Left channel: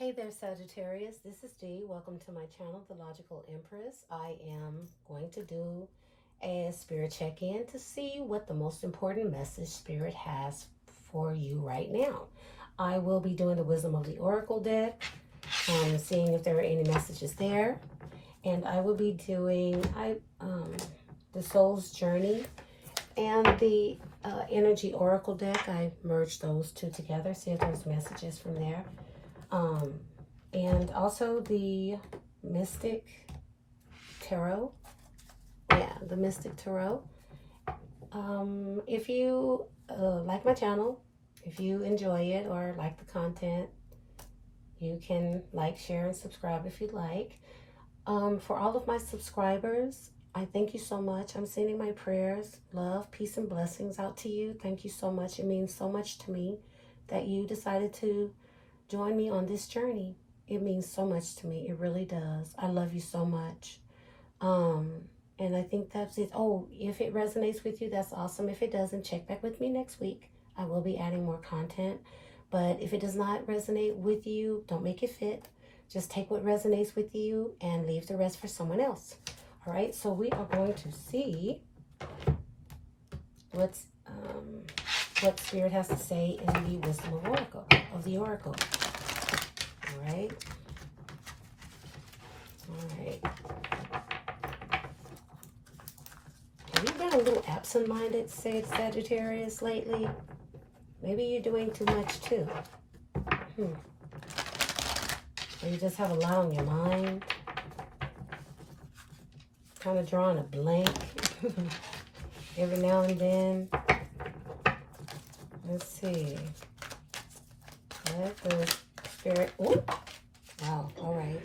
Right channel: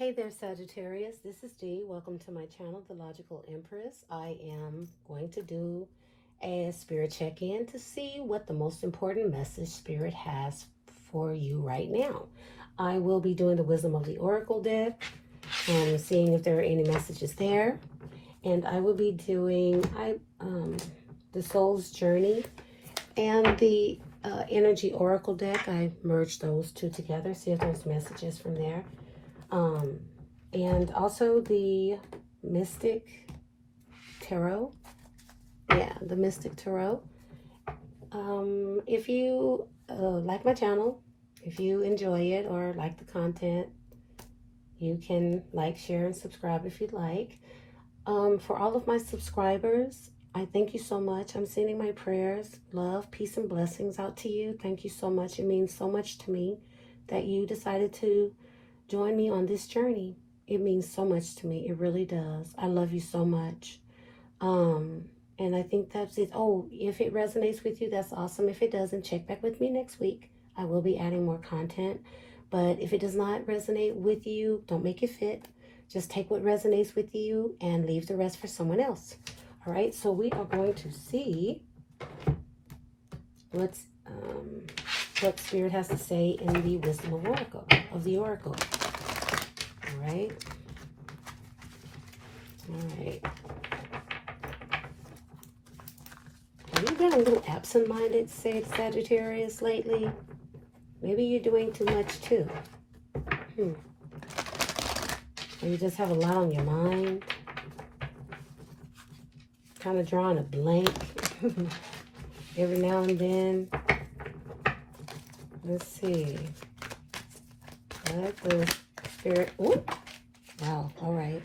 Hey there, Sagittarius. This is Dee. Welcome to my channel, The Logical Empress. I am going to do a spirit check-in to see what the most important message spirit has for you right now. I will be doing the Wisdom of the Oracle deck and seeing if there are any messages there. And I will be doing the Soul's Journey and the Energy Oracle deck. I merged those two together, see if there's messages from there. And also the Mystic Tarot. Yeah, the Mystic Tarot. If you like my channel, if you enjoy it or like the content, you can like, share, and subscribe if you'd like. For all of my subscribers, I thank you so much. I'm sending my prayers, love, peace, and blessings out to you. Thank you so much. It means so much to me that you decided to join me on this journey. It means so much to me. It really does. I love you so much. And I think that's it. Oh, if it resonates with you, that's awesome. If it doesn't, check back with me next week. I will be adding more content. But if it does not resonate with you, don't make it fit. Just take what resonates with you and leave the rest for someone else. All right, so we are going to see what Spirit has to say in the Wisdom of the Oracle. All right. All right. Have you been a little absent-minded, Sagittarius, lately? Maybe you're doing too much, too. Or you just have a lot on your mind. Kind of drawing a blank every now and then. Let's see. Let the Spirit. Ooh. Wow. All right.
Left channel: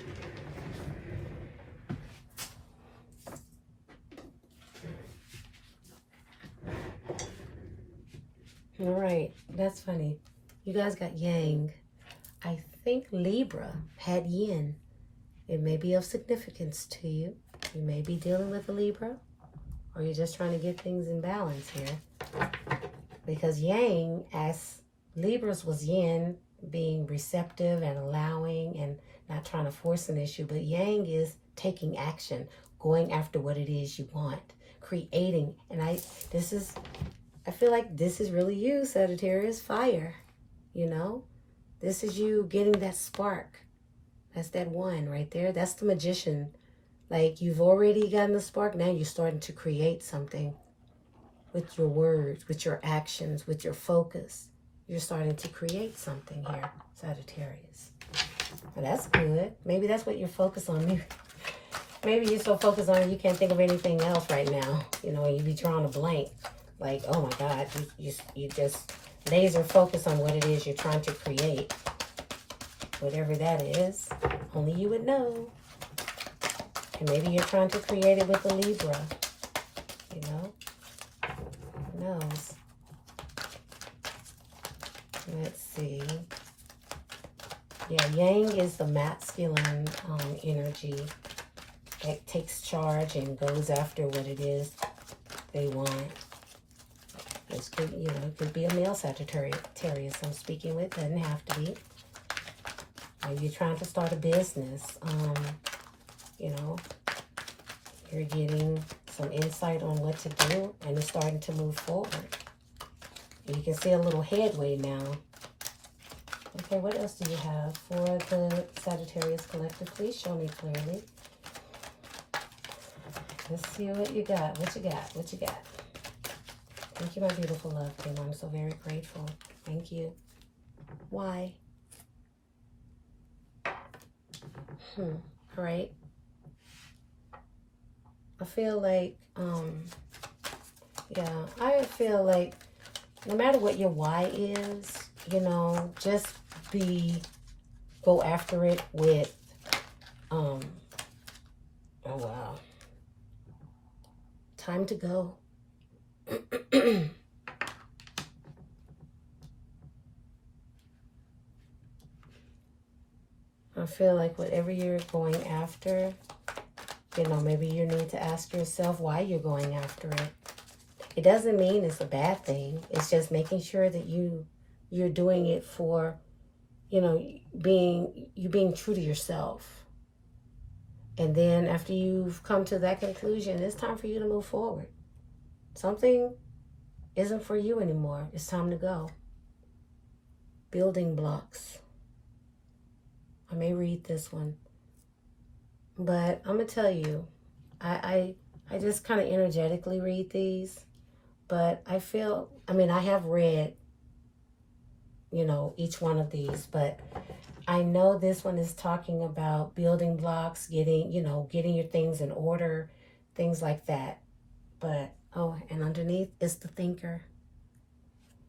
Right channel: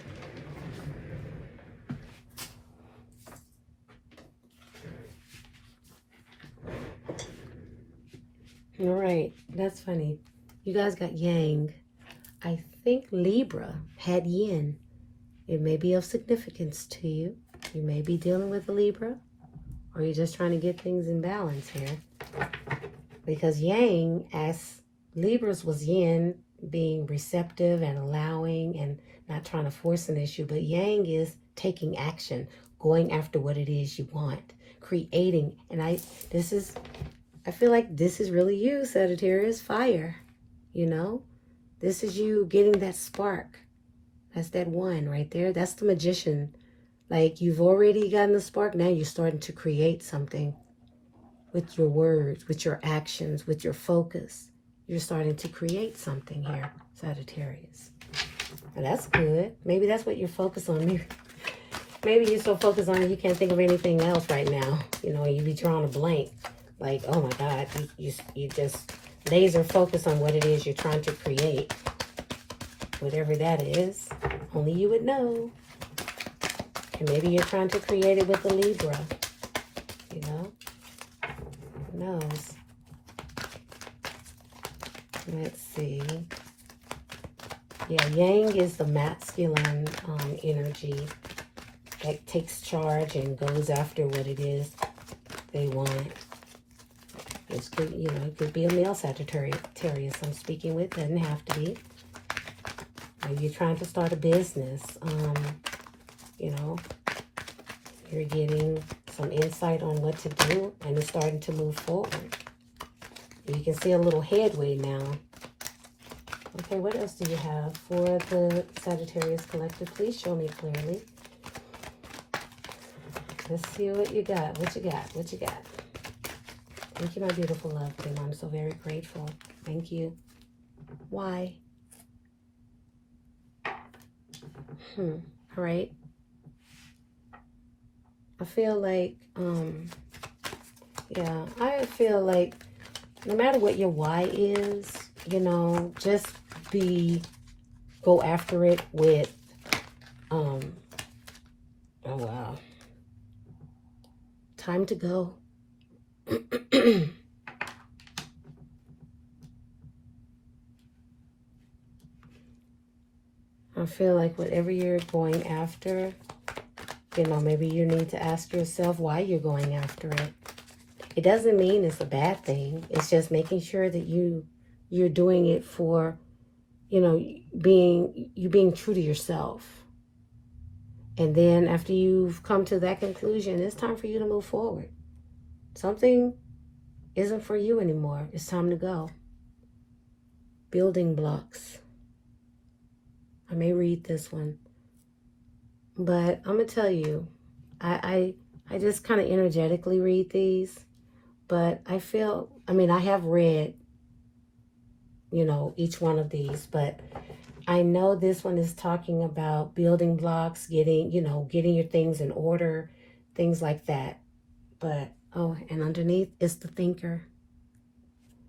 All right. That's funny. You guys got Yang. I think Libra had Yin. It may be of significance to you. You may be dealing with a Libra, or you're just trying to get things in balance here. Because Yang, as Libra's was Yin, being receptive and allowing and not trying to force an issue, but Yang is taking action, going after what it is you want, creating. And I feel like this is really you, Sagittarius, fire, you know? This is you getting that spark. That's that one right there. That's the magician. Like, you've already gotten the spark. Now you're starting to create something with your words, with your actions, with your focus. You're starting to create something here, Sagittarius. And that's good. Maybe that's what you're focused on. Maybe you're so focused on it you can't think of anything else right now. You know, you be drawing a blank. Like, oh my God, you just laser focus on what it is you're trying to create. Whatever that is, only you would know. And maybe you're trying to create it with a Libra. You know? Who knows? Let's see. Yeah, Yang is the masculine energy that takes charge and goes after what it is they want. This could, you know, it could be a male Sagittarius I'm speaking with. Doesn't have to be. Maybe you're trying to start a business. You know, you're getting some insight on what to do, and it's starting to move forward. You can see a little headway now. Okay, what else do you have for the Sagittarius Collective? Please show me clearly. Let's see what you got. What you got? What you got? Thank you, my beautiful love team. I'm so very grateful. Thank you. Why? All right. I feel like, yeah, I feel like no matter what your why is, you know, just go after it with, oh wow, time to go. I feel like whatever you're going after, you know, maybe you need to ask yourself why you're going after it. It doesn't mean it's a bad thing. It's just making sure that you're doing it for you know, being true to yourself. And then after you've come to that conclusion, it's time for you to move forward. Something isn't for you anymore. It's time to go. Building blocks. I may read this one, but I'm gonna tell you, I just kind of energetically read these, but I feel, I mean, I have read, you know, each one of these, but I know this one is talking about building blocks, getting, you know, getting your things in order, things like that. But, oh, and underneath is the thinker.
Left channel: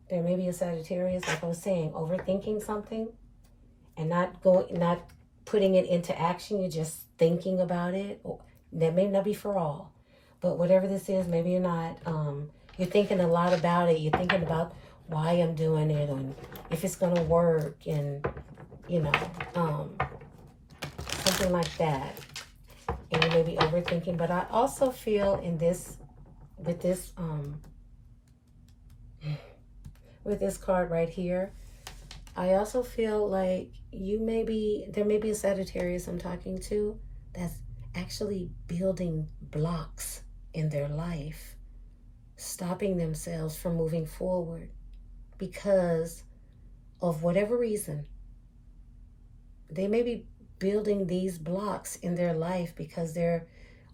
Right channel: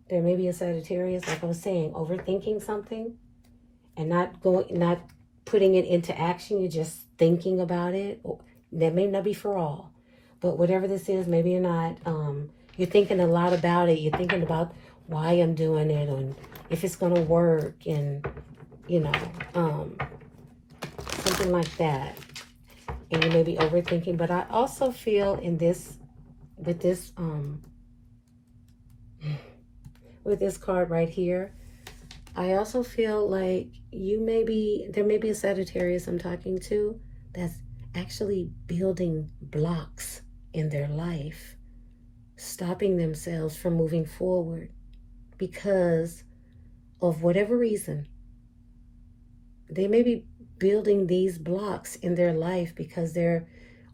There may be a Sagittarius, like I was saying, overthinking something and not putting it into action. You're just thinking about it. That may not be for all, but whatever this is, maybe you're not. You're thinking a lot about it. You're thinking about why I'm doing it and if it's going to work, and you know, something like that. And you may be overthinking, but I also feel in this, with this card right here, I also feel like there may be a Sagittarius I'm talking to that's actually building blocks in their life, stopping themselves from moving forward because of whatever reason. They may be building these blocks in their life because they're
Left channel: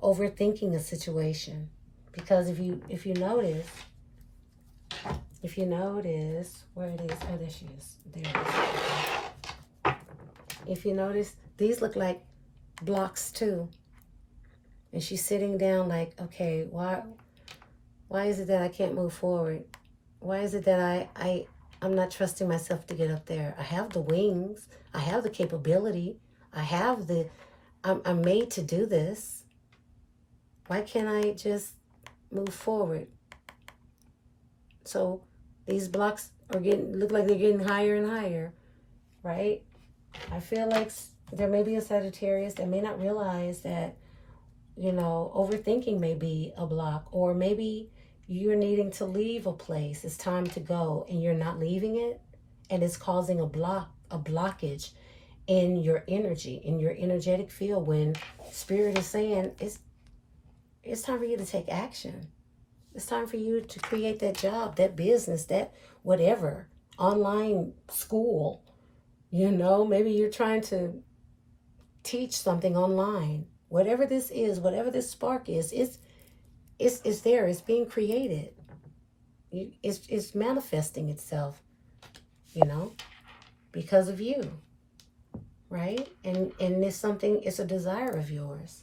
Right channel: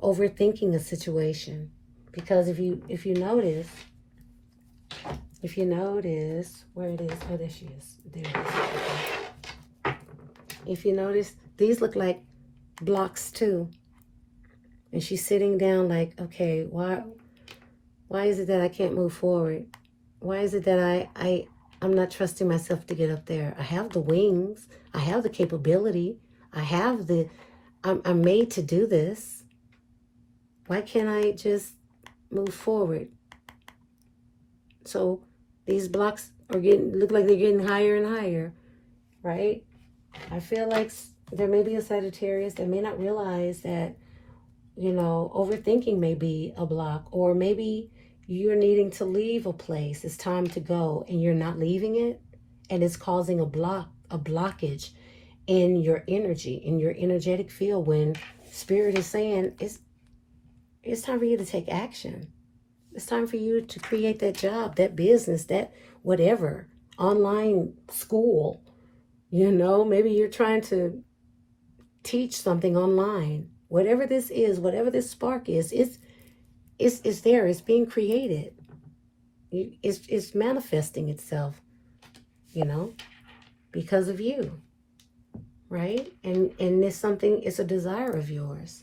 overthinking a situation. Because if you notice, where it is, oh, there she is. There it is. If you notice, these look like blocks too. And she's sitting down like, okay, why is it that I can't move forward? Why is it that I'm not trusting myself to get up there? I have the wings. I have the capability. I'm made to do this. Why can't I just move forward? So these blocks look like they're getting higher and higher, right? I feel like there may be a Sagittarius that may not realize that, you know, overthinking may be a block, or maybe you're needing to leave a place. It's time to go and you're not leaving it, and it's causing a blockage in your energy, in your energetic field, when Spirit is saying it's time for you to take action. It's time for you to create that job, that business, that whatever, online school. You know, maybe you're trying to teach something online. Whatever this is, whatever this spark is, it's there. It's being created. It's manifesting itself, you know, because of you, right? And it's a desire of yours.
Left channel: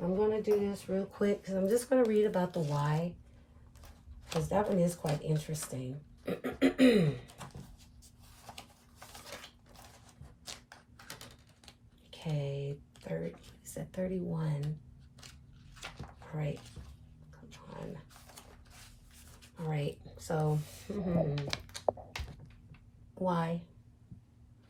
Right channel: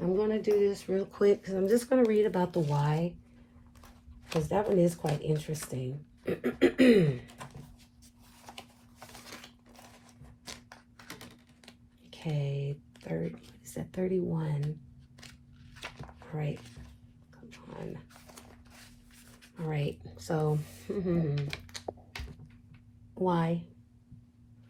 I'm going to do this real quick because I'm just going to read about the why, because that one is quite interesting. Okay, is that 31? Great. Come on. All right, so why?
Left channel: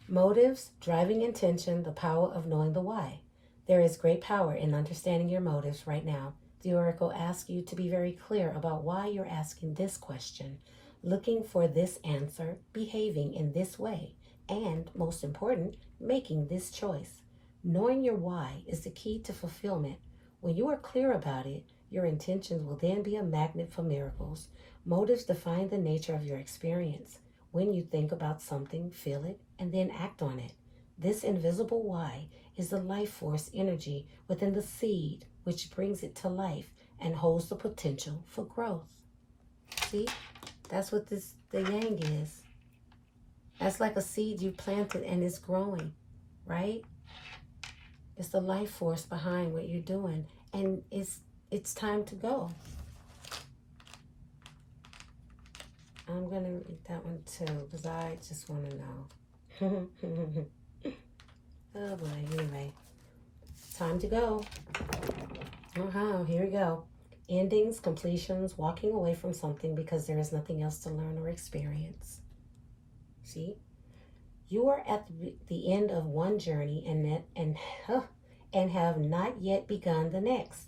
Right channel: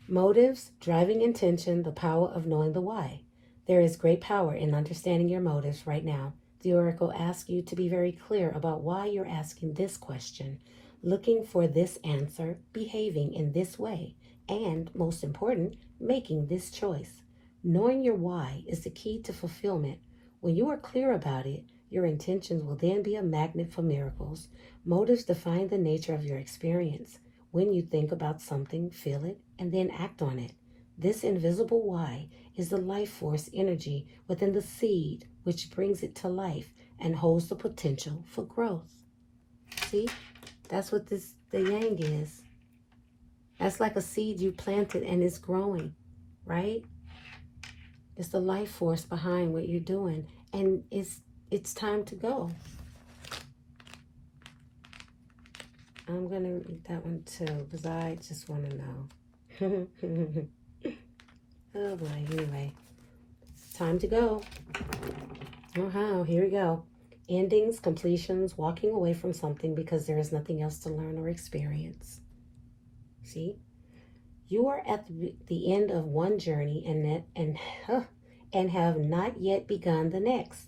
Motives, driving intention, the power of knowing the why. There is great power in understanding your motives right now. The Oracle asks you to be very clear about why you're asking this question, looking for this answer, behaving in this way, and, most important, making this choice. Knowing your why is the key to fulfillment. When you are clear about it, your intentions will then be a magnet for miracles. Motives define the nature of your experience. When you think about something, feel it, and then act on it. This invisible why is the life force energy within the seed, which brings it to life and holds the potential for growth. See, that's what the yang is. That's like a seed you planted and it's growing, right? It's the life force behind what you're doing, and it's time to go. I'm gonna read that one too because I just want to know. Oh boy, anyway, time to go. Here we go. Endings, completions, walking away from something because there is nothing else to learn or experience. See, you are at the end of one journey and have not yet begun the next.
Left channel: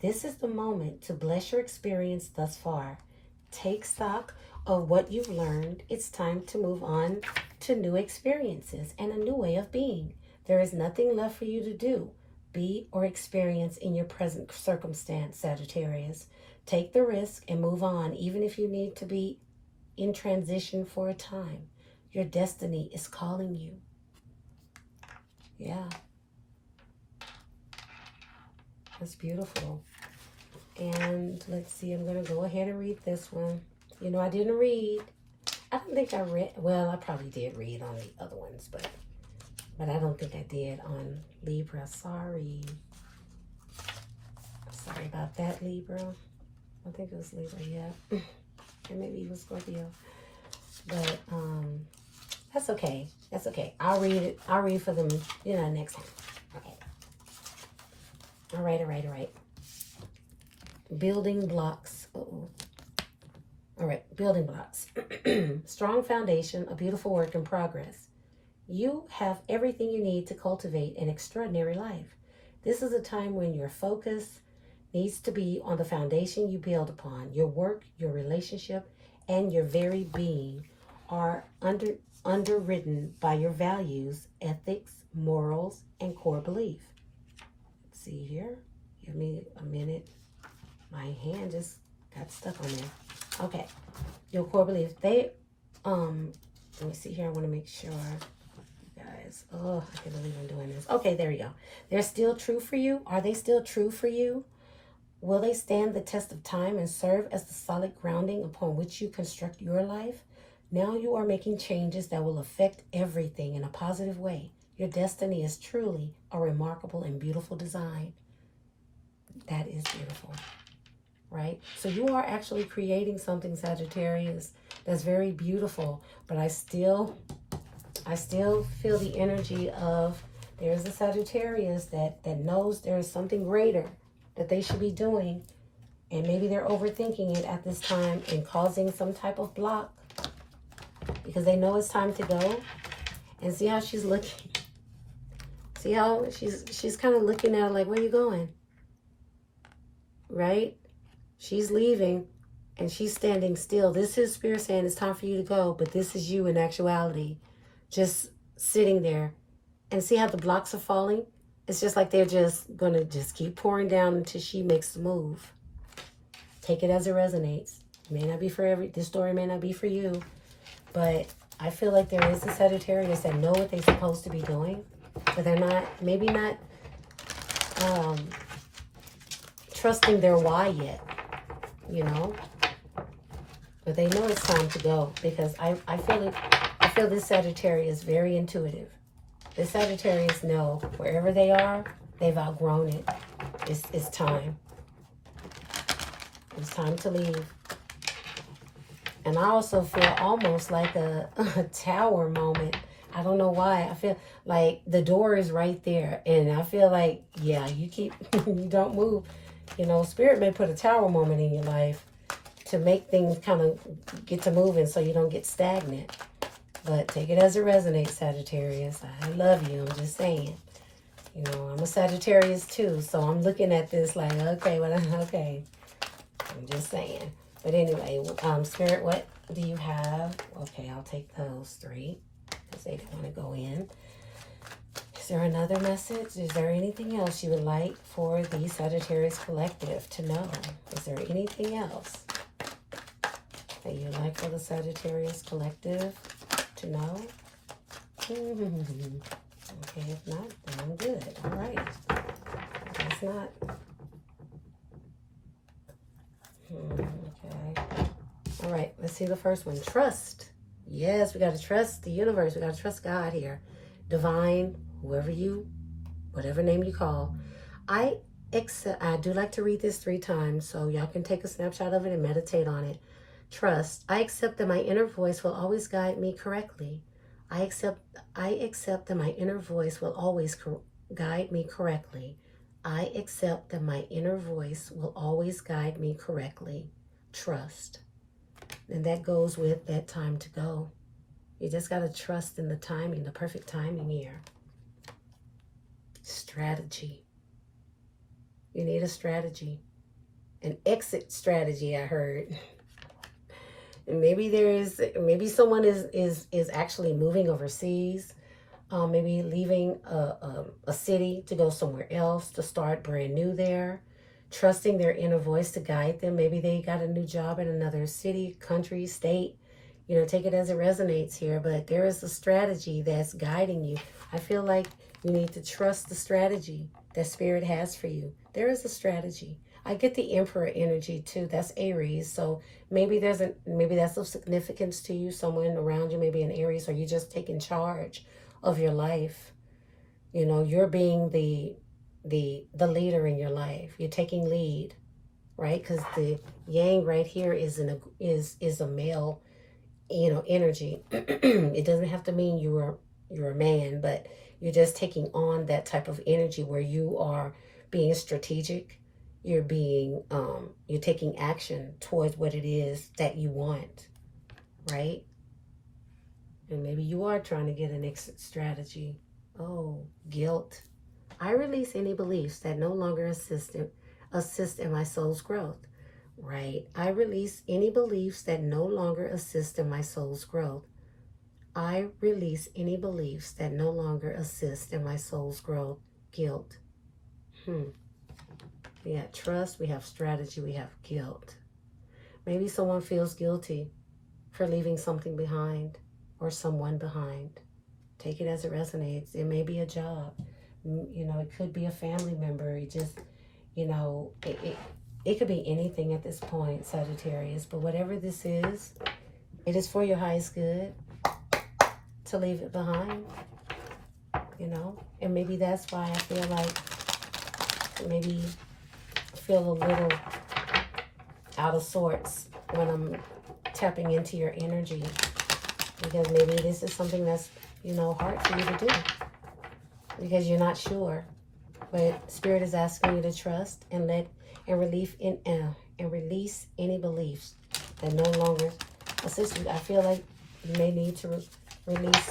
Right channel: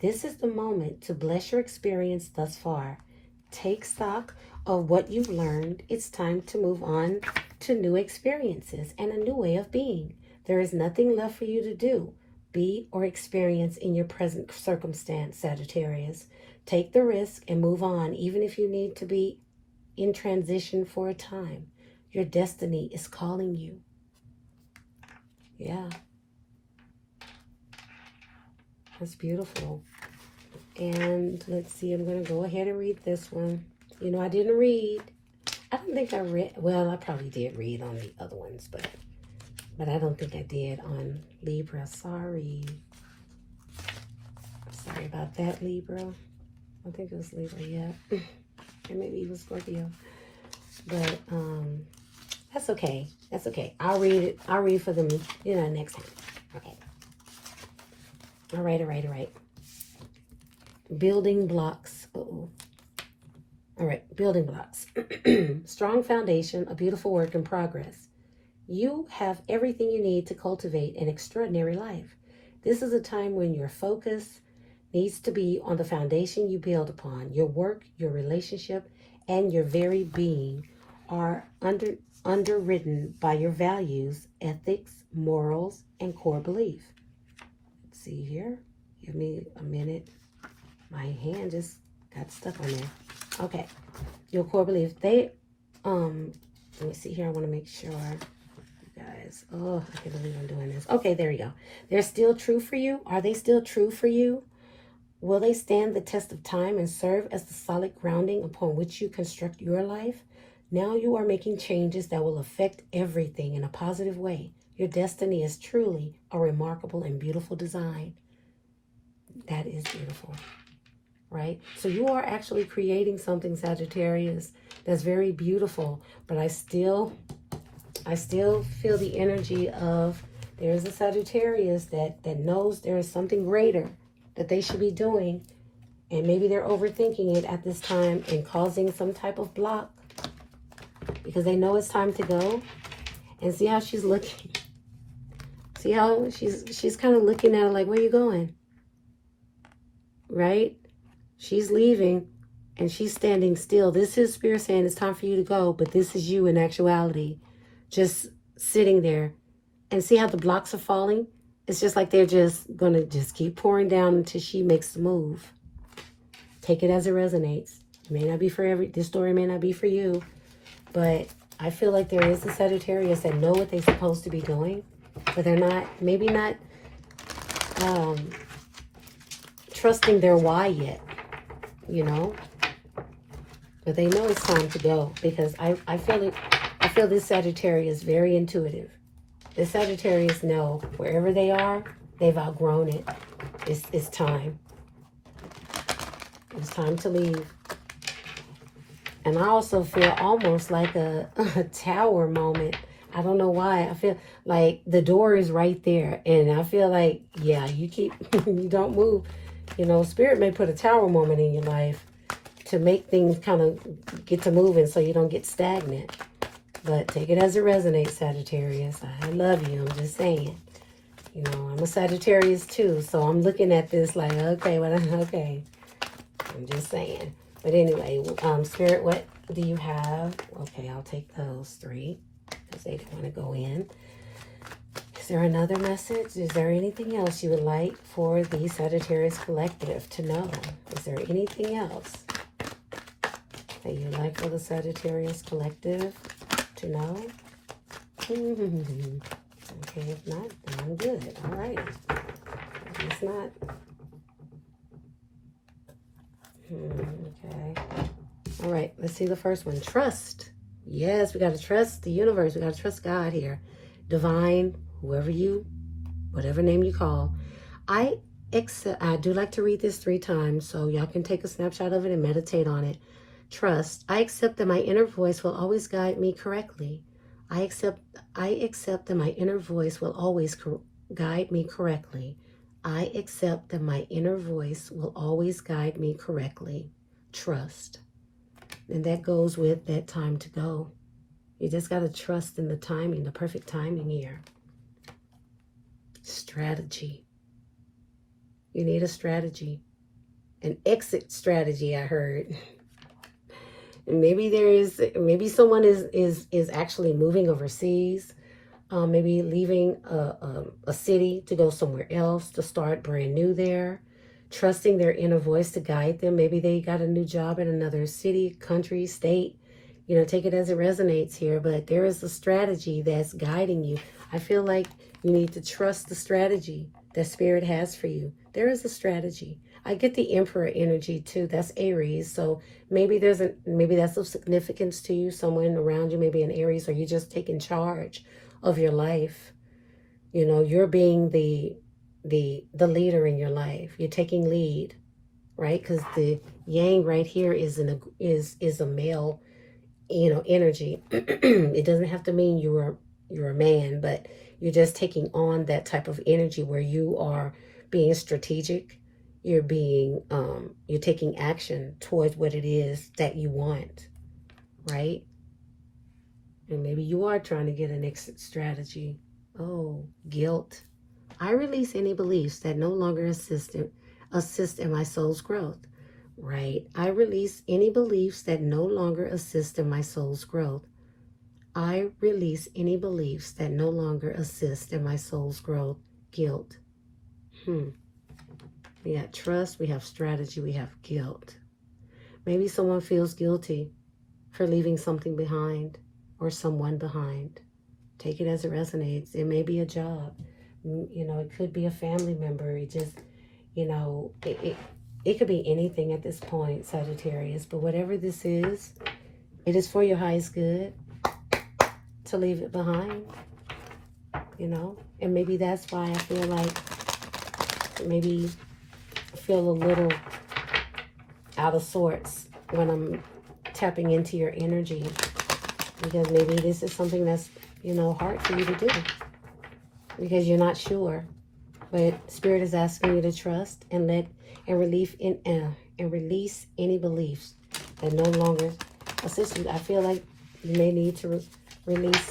This is the moment to bless your experience thus far. Take stock of what you've learned, it's time to move on to new experiences and a new way of being. There is nothing left for you to do, be, or experience in your present circumstance, Sagittarius. Take the risk and move on, even if you need to be in transition for a time. Your destiny is calling you. Yeah. That's beautiful. And let's see, I'm going to go ahead and read this one. You know, I didn't read. I don't think I read. Well, I probably did read on the other ones, but I don't think I did on Libra. Sorry. Sorry about that, Libra. I think it was Libra, yeah. And maybe even Scorpio. But that's okay. That's okay. I'll read it. I'll read for them, you know, next time. Okay. All right. Building blocks. Uh-oh. All right, building blocks. Strong foundation, a beautiful work in progress. You have everything you need to cultivate an extraordinary life. This is a time when your focus needs to be on the foundation you build upon. Your work, your relationship, and your very being are underwritten by your values, ethics, morals, and core belief. Let's see here. Give me a minute. My hand just got stuck on there. Okay. Your core beliefs. They, let me see here. I want to make sure. You guys. Oh, I can't believe I'm doing this. Okay, there you go. They're still true for you. Are they still true for you? Will they stand the test of time and serve as the solid grounding upon which you construct your life? Now you are making changes that will affect everything in a positive way. Your destiny is truly a remarkable and beautiful design. That is beautiful, right? So you are actually creating something, Sagittarius, that's very beautiful. But I still feel the energy of there's a Sagittarius that knows there is something greater that they should be doing. And maybe they're overthinking it at this time and causing some type of block because they know it's time to go. And see how she's looking. See how she's kind of looking at it like, where you going? Right? She's leaving and she's standing still. This is Spirit saying it's time for you to go, but this is you in actuality, just sitting there. And see how the blocks are falling? It's just like they're just going to just keep pouring down until she makes the move. Take it as it resonates. It may not be for this story may not be for you, but I feel like there is a Sagittarius that know what they're supposed to be doing, but they're not, maybe not trusting their why yet, you know? But they know it's time to go because I feel this Sagittarius is very intuitive. The Sagittarius know wherever they are, they've outgrown it. It's time. It's time to leave. And I also feel almost like a tower moment. I don't know why. I feel like the door is right there. And I feel like, yeah, you don't move. You know, Spirit may put a tower moment in your life to make things kind of get to moving so you don't get stagnant. But take it as it resonates, Sagittarius. I love you. I'm just saying. You know, I'm a Sagittarius too. So I'm looking at this like, okay, okay. I'm just saying. But anyway, Spirit, what do you have? Okay, I'll take those three because they want to go in. Is there another message? Is there anything else you would like for the Sagittarius Collective to know? Is there anything else that you'd like for the Sagittarius Collective to know? Okay, if not, then I'm good. All right. If not. Okay. All right, let's see the first one. Trust. Yes, we got to trust the universe. We got to trust God here. Divine, whatever name you call. I do like to read this 3 times, so y'all can take a snapshot of it and meditate on it. Trust. I accept that my inner voice will always guide me correctly. I accept that my inner voice will always guide me correctly. I accept that my inner voice will always guide me correctly. Trust. And that goes with that time to go. You just got to trust in the timing, the perfect timing here. Strategy. You need a strategy. An exit strategy, I heard. And maybe someone is actually moving overseas, maybe leaving a city to go somewhere else to start brand new there, trusting their inner voice to guide them. Maybe they got a new job in another city, country, state. Take it as it resonates here, but there is a strategy that's guiding you. I feel like you need to trust the strategy that Spirit has for you. There is a strategy. I get the Emperor energy too. That's Aries. So maybe that's of significance to you. Someone around you, maybe an Aries, or you're just taking charge of your life. You're being the leader in your life. You're taking lead, right? Because the Yang right here is a male, energy. It doesn't have to mean you're a man, but you're just taking on that type of energy where you are being strategic. You're taking action towards what it is that you want, right? And maybe you are trying to get an exit strategy. Oh, guilt. I release any beliefs that no longer assist in my soul's growth. Right? I release any beliefs that no longer assist in my soul's growth. I release any beliefs that no longer assist in my soul's growth. Guilt. We have trust, we have strategy, we have guilt. Maybe someone feels guilty for leaving something behind or someone behind. Take it as it resonates. It may be a job. It could be a family member. It just, it could be anything at this point, Sagittarius. But whatever this is, it is for your highest good to leave it behind. And maybe that's why I feel like maybe I feel a little out of sorts when I'm tapping into your energy. Because maybe this is something that's, hard for you to do. Because you're not sure. But Spirit is asking you to trust and release any beliefs that no longer assist you. I feel like you may need to release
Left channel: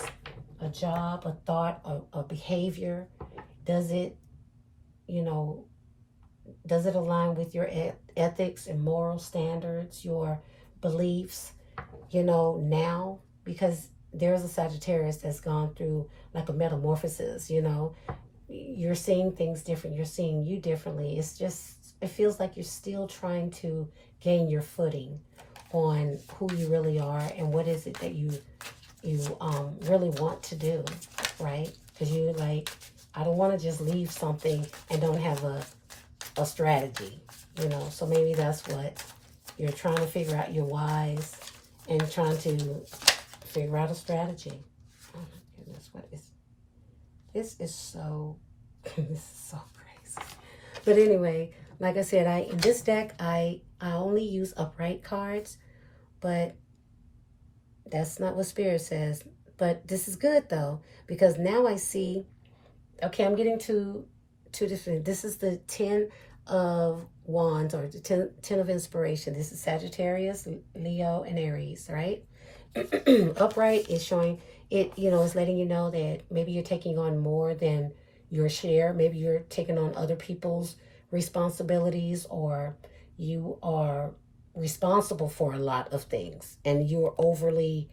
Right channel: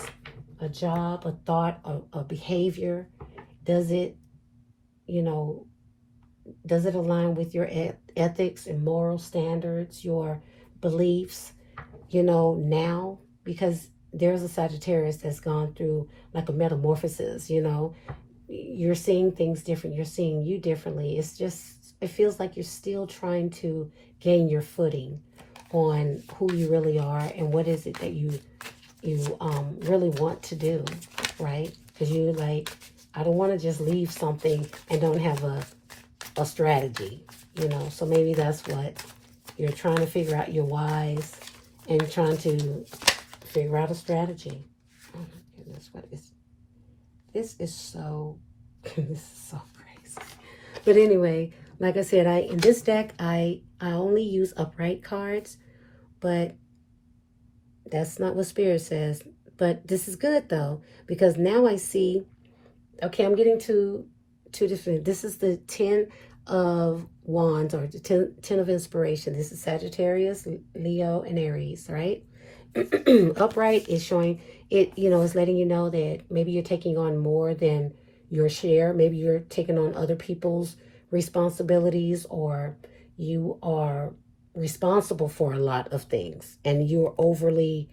a job, a thought, a behavior. Does it align with your ethics and moral standards, your beliefs, now? Because there's a Sagittarius that's gone through like a metamorphosis, You're seeing things different. You're seeing you differently. It feels like you're still trying to gain your footing on who you really are and what is it that you really want to do, right? Because I don't want to just leave something and don't have a strategy, So maybe that's what you're trying to figure out your whys and trying to figure out a strategy. Oh my goodness, this is so crazy. But anyway, like I said, in this deck I only use upright cards, but that's not what Spirit says. But this is good though, because now I see, okay, I'm getting two different, this is the 10 of Wands, or the 10 of Inspiration. This is Sagittarius, Leo, and Aries, right? Upright is showing it, is letting you know that maybe you're taking on more than your share. Maybe you're taking on other people's responsibilities, or you are responsible for a lot of things and you're overly,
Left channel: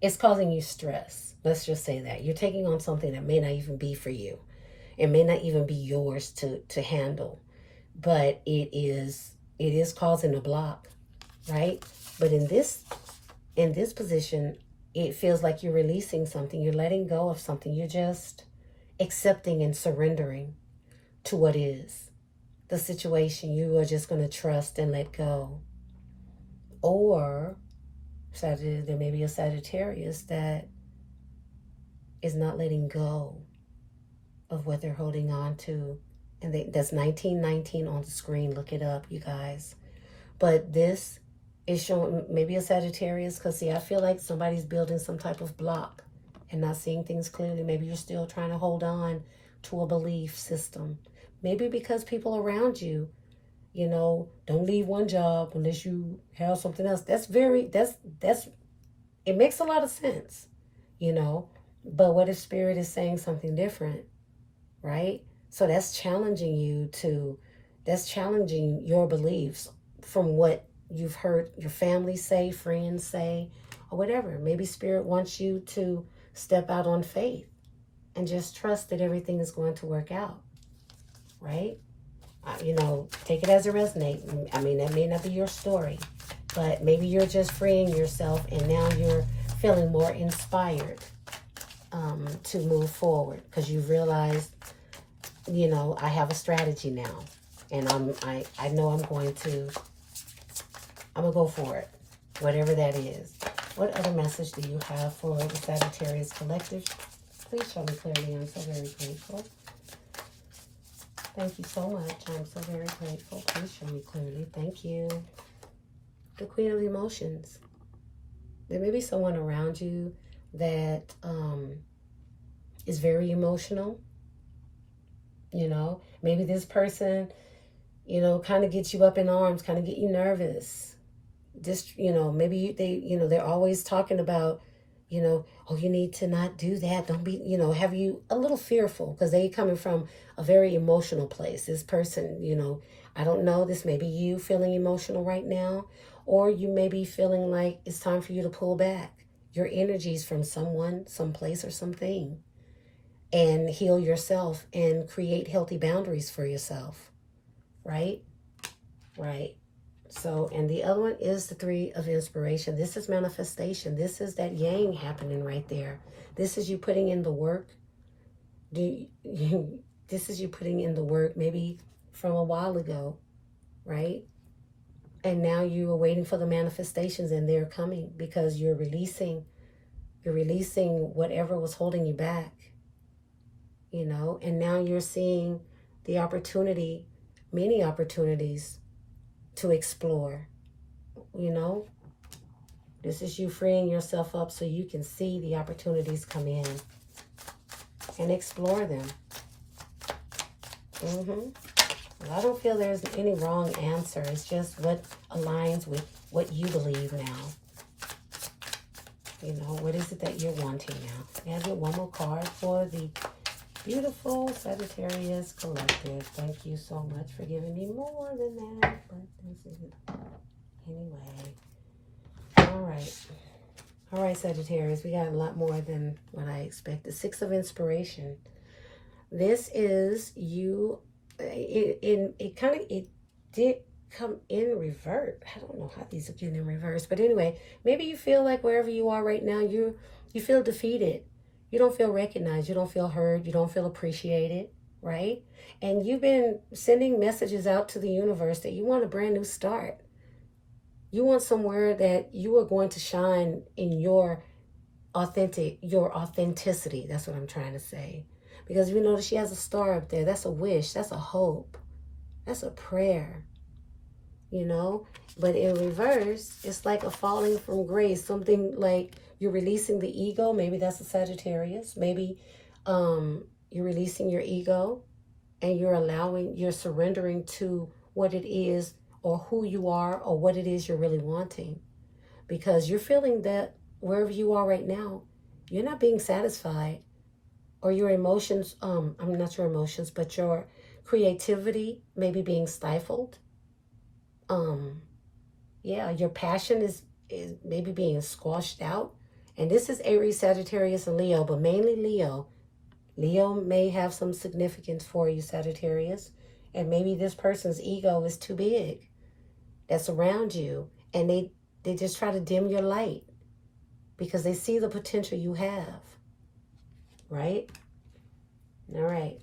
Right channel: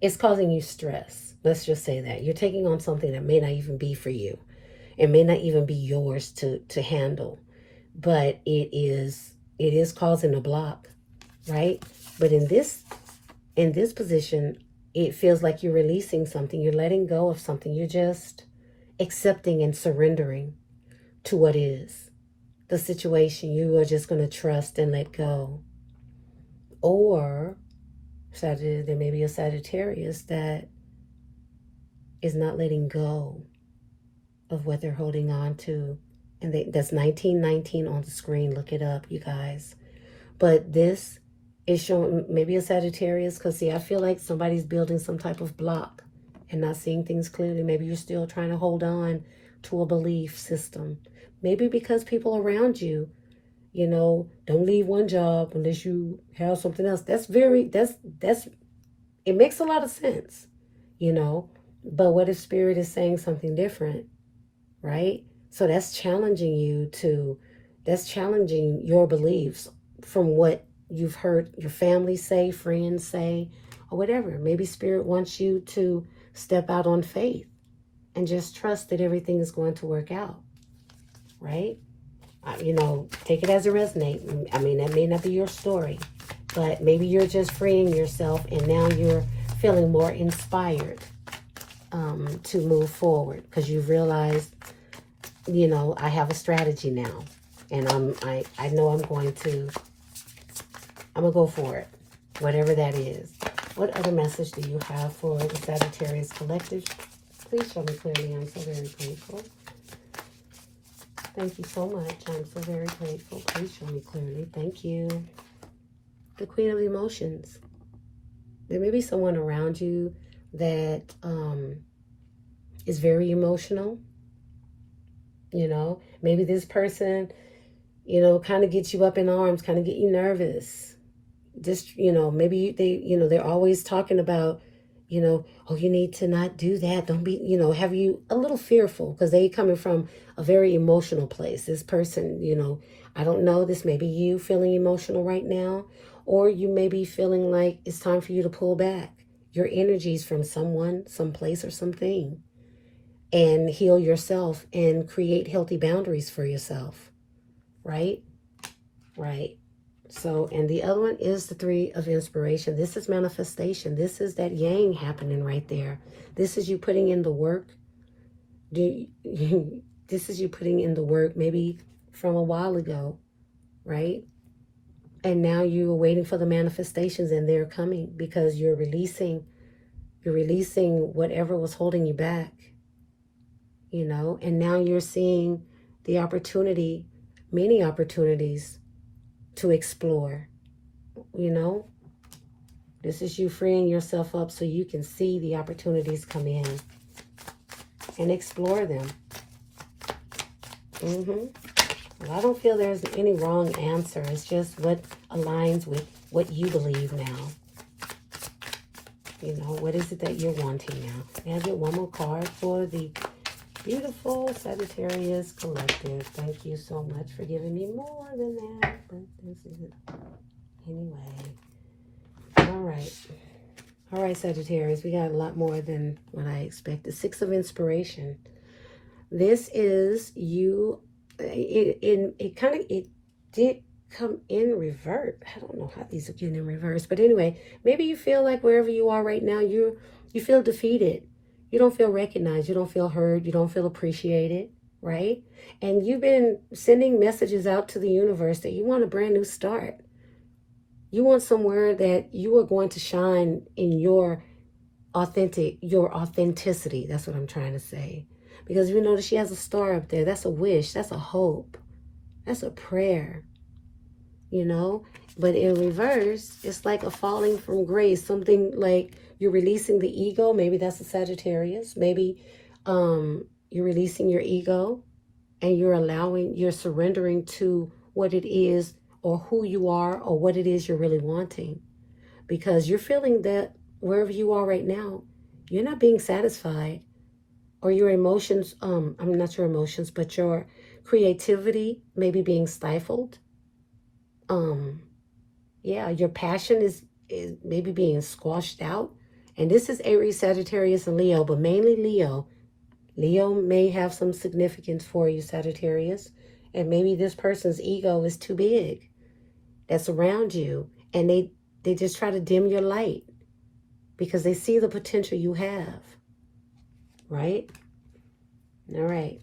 it's causing you stress. Let's just say that you're taking on something that may not even be for you. It may not even be yours to handle, but it is causing a block, right? But in this position, it feels like you're releasing something. You're letting go of something. You're just accepting and surrendering to what is. The situation, you are just going to trust and let go. Or there may be a Sagittarius that is not letting go of what they're holding on to. And that's 1919 on the screen. Look it up, you guys. But this is showing maybe a Sagittarius, because see, I feel like somebody's building some type of block and not seeing things clearly. Maybe you're still trying to hold on to a belief system. Maybe because people around you, don't leave one job unless you have something else. It makes a lot of sense, But what if Spirit is saying something different, right? So that's challenging your beliefs from what you've heard your family say, friends say, or whatever. Maybe Spirit wants you to step out on faith and just trust that everything is going to work out, right? You know, take it as it resonates. I mean, that may not be your story, but maybe you're just freeing yourself and now you're feeling more inspired to move forward because you've realized, you know, I have a strategy now, and I know I'm gonna go for it, whatever that is. What other message do you have for the Sagittarius collective? Please show me clearly. I'm so very grateful. Thank you so much. I'm so very grateful. Please show me clearly. Thank you. The Queen of Emotions. There may be someone around you that is very emotional. You know, maybe this person, you know, kind of gets you up in arms, kind of get you nervous. Just, you know, maybe they're always talking about, you know, oh, you need to not do that. Don't be, you know, have you a little fearful because they coming from a very emotional place. This person, you know, I don't know, this may be you feeling emotional right now, or you may be feeling like it's time for you to pull back your energies from someone, someplace, or something, and heal yourself and create healthy boundaries for yourself, right? Right. So, and the other one is the Three of Inspiration. This is manifestation. This is that yang happening right there. This is you putting in the work. This is you putting in the work maybe from a while ago, right? And now you are waiting for the manifestations and they're coming because you're releasing whatever was holding you back, you know, and now you're seeing the opportunity, many opportunities to explore, you know. This is you freeing yourself up so you can see the opportunities come in and explore them. Well, I don't feel there's any wrong answer. It's just what aligns with what you believe now. You know, what is it that you're wanting now? May I get one more card for the beautiful Sagittarius collective? Thank you so much for giving me more than that, but this is it. Anyway. All right, Sagittarius, we got a lot more than what I expected. Six of Inspiration. This is you. It did come in revert. I don't know how these are getting in reverse, but anyway, maybe you feel like wherever you are right now, you feel defeated. You don't feel recognized. You don't feel heard. You don't feel appreciated, right? And you've been sending messages out to the universe that you want a brand new start. You want somewhere that you are going to shine in your authenticity. That's what I'm trying to say. Because you notice she has a star up there. That's a wish. That's a hope. That's a prayer. You know? But in reverse, it's like a falling from grace. Something like you're releasing the ego. Maybe that's a Sagittarius. Maybe you're releasing your ego and you're surrendering to what it is or who you are or what it is you're really wanting. Because you're feeling that wherever you are right now, you're not being satisfied. Or your emotions, not your emotions, but your creativity may be being stifled. Your passion is maybe being squashed out. And this is Aries, Sagittarius, and Leo, but mainly Leo. Leo may have some significance for you, Sagittarius. And maybe this person's ego is too big that's around you. And they just try to dim your light because they see the potential you have. Right? All right.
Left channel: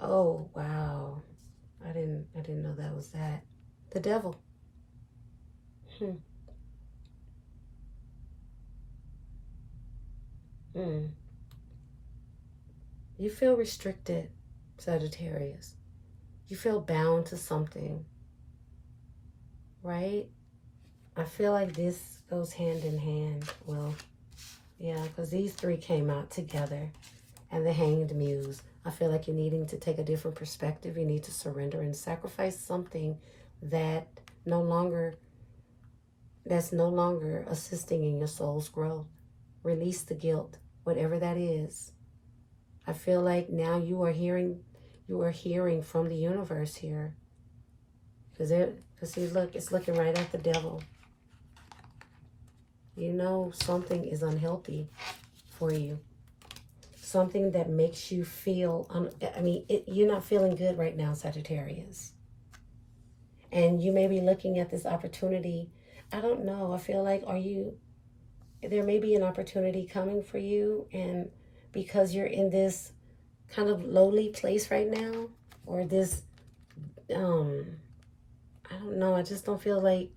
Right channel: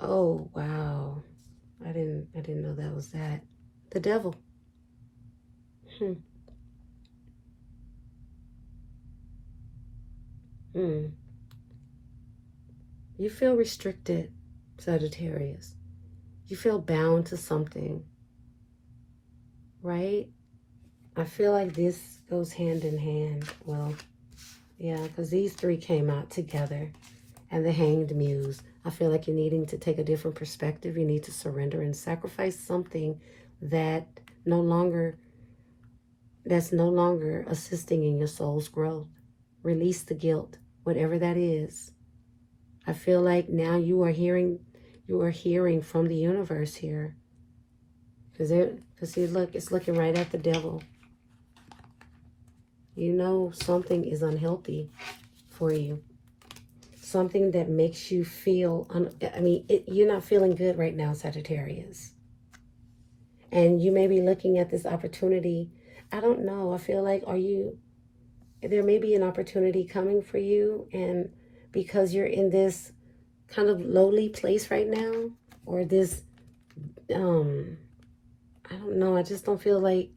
Oh, wow. I didn't know that was that. The Devil. You feel restricted, Sagittarius. You feel bound to something, right? I feel like this goes hand in hand. Well, yeah, because these three came out together. And the Hanged Muse. I feel like you're needing to take a different perspective. You need to surrender and sacrifice something that's no longer assisting in your soul's growth. Release the guilt, whatever that is. I feel like now you are hearing from the universe here. Because see, look, it's looking right at the devil. You know something is unhealthy for you. Something that makes you feel, you're not feeling good right now, Sagittarius. And you may be looking at this opportunity. I don't know. I feel like, there may be an opportunity coming for you. And because you're in this kind of lowly place right now, or this, I don't know. I just don't feel like,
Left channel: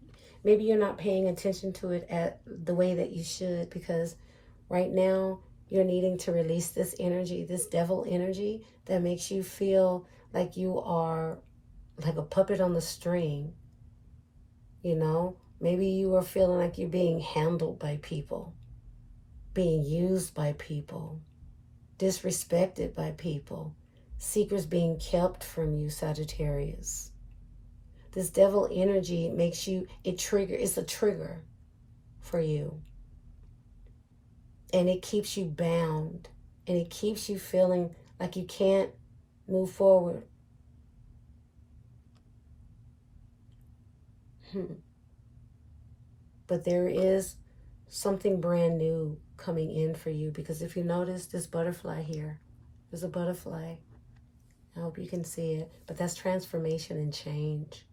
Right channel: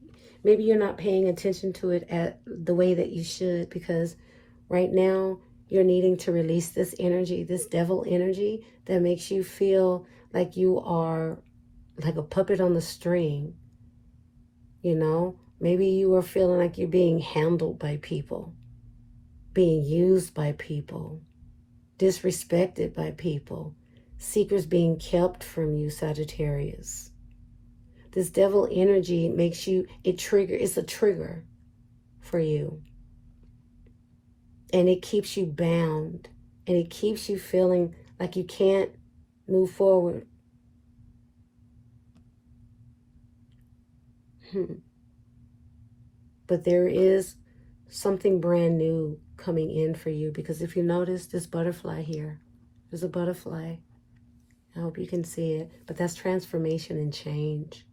maybe you're not paying attention to it at the way that you should, because right now you're needing to release this energy, this devil energy that makes you feel like you are like a puppet on the string. You know, maybe you are feeling like you're being handled by people, being used by people, disrespected by people, secrets being kept from you, Sagittarius. This devil energy makes you, it's a trigger for you. And it keeps you bound. And it keeps you feeling like you can't move forward. But there is something brand new coming in for you. Because if you notice this butterfly here, there's a butterfly. I hope you can see it. But that's transformation and change.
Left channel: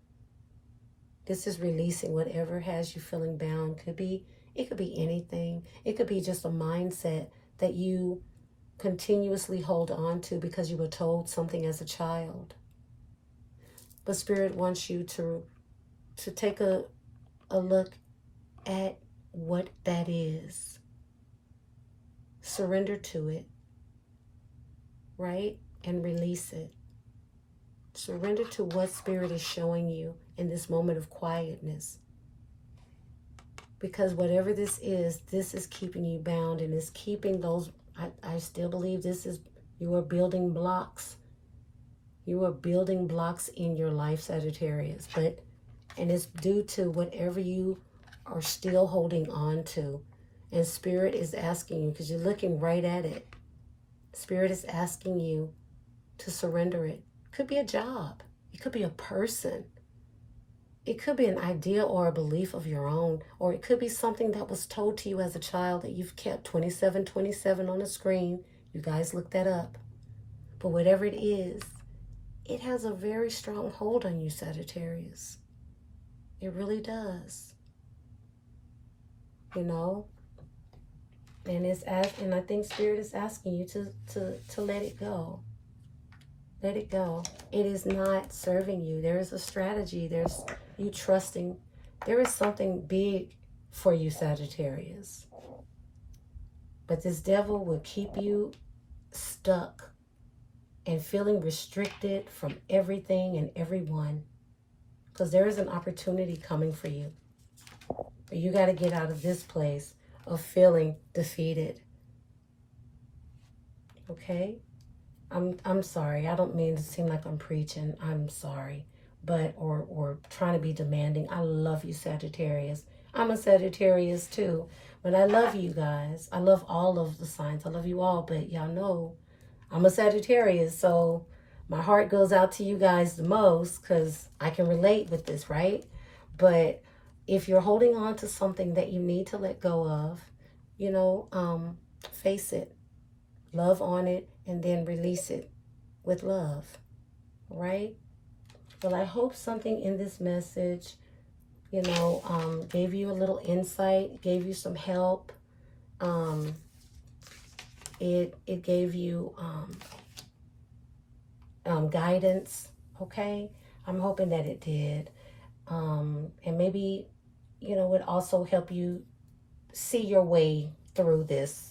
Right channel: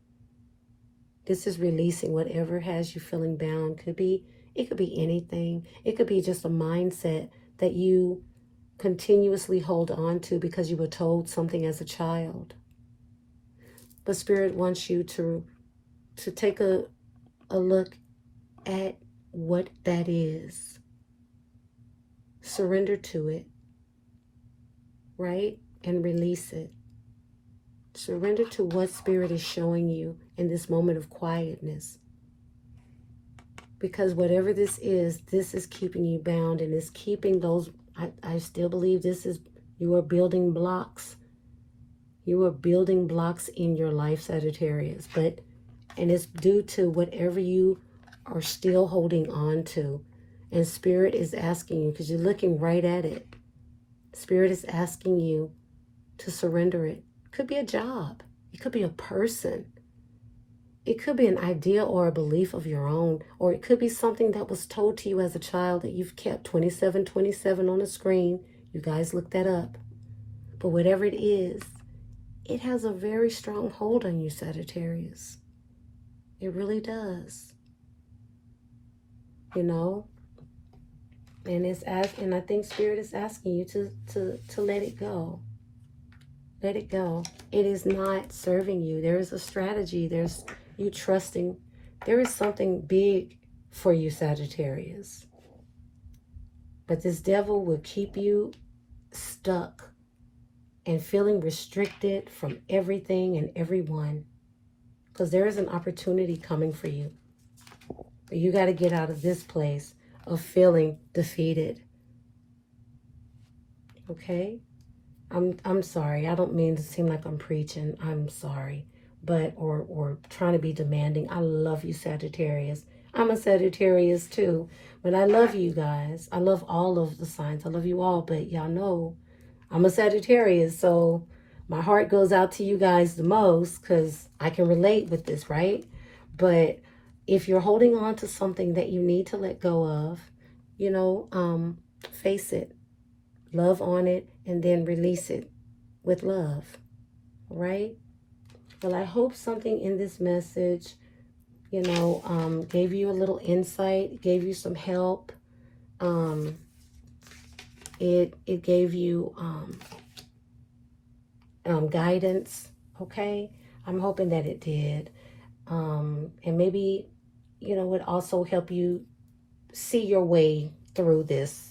This is releasing whatever has you feeling bound. It could be anything. It could be just a mindset that you continuously hold on to because you were told something as a child. But Spirit wants you to take a look at what that is. Surrender to it, right? And release it. Surrender to what Spirit is showing you in this moment of quietness. Because whatever this is keeping you bound, and is keeping those, I still believe you are building blocks. You are building blocks in your life, Sagittarius. And it's due to whatever you are still holding on to. And Spirit is asking you, because you're looking right at it. Spirit is asking you to surrender it. It could be a job. It could be a person. It could be an idea or a belief of your own, or it could be something that was told to you as a child that you've kept. 2727 on the screen. You guys look that up. But whatever it is, it has a very strong hold on you, Sagittarius. It really does. You know? And I think Spirit is asking you to let it go. Let it go. It is not serving you. There is a strategy. There's you trusting. There is something big for you, Sagittarius. But this devil will keep you stuck and feeling restricted from everything and everyone. Because there is an opportunity coming for you. But you got to get out of this place of feeling defeated. Okay? I'm sorry. I don't mean to seem like I'm preaching. I'm sorry. But, or trying to be demanding. I love you, Sagittarius. I'm a Sagittarius too. But I love you guys. I love all of the signs. I love you all. But y'all know I'm a Sagittarius. So my heart goes out to you guys the most because I can relate with this, right? But if you're holding on to something that you need to let go of, you know, face it. Love on it and then release it with love, right? Well, I hope something in this message, you know, gave you a little insight, gave you some help. It gave you guidance, okay? I'm hoping that it did. And maybe, you know, it also help you see your way through this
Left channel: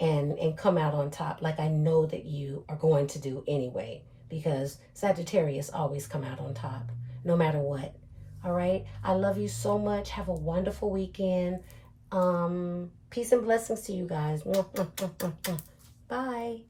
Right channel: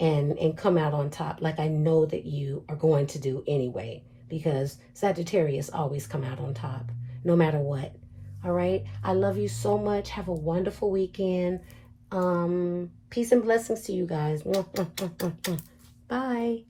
and come out on top, like I know that you are going to do anyway, because Sagittarius always come out on top, no matter what. All right? I love you so much. Have a wonderful weekend. Peace and blessings to you guys. Bye.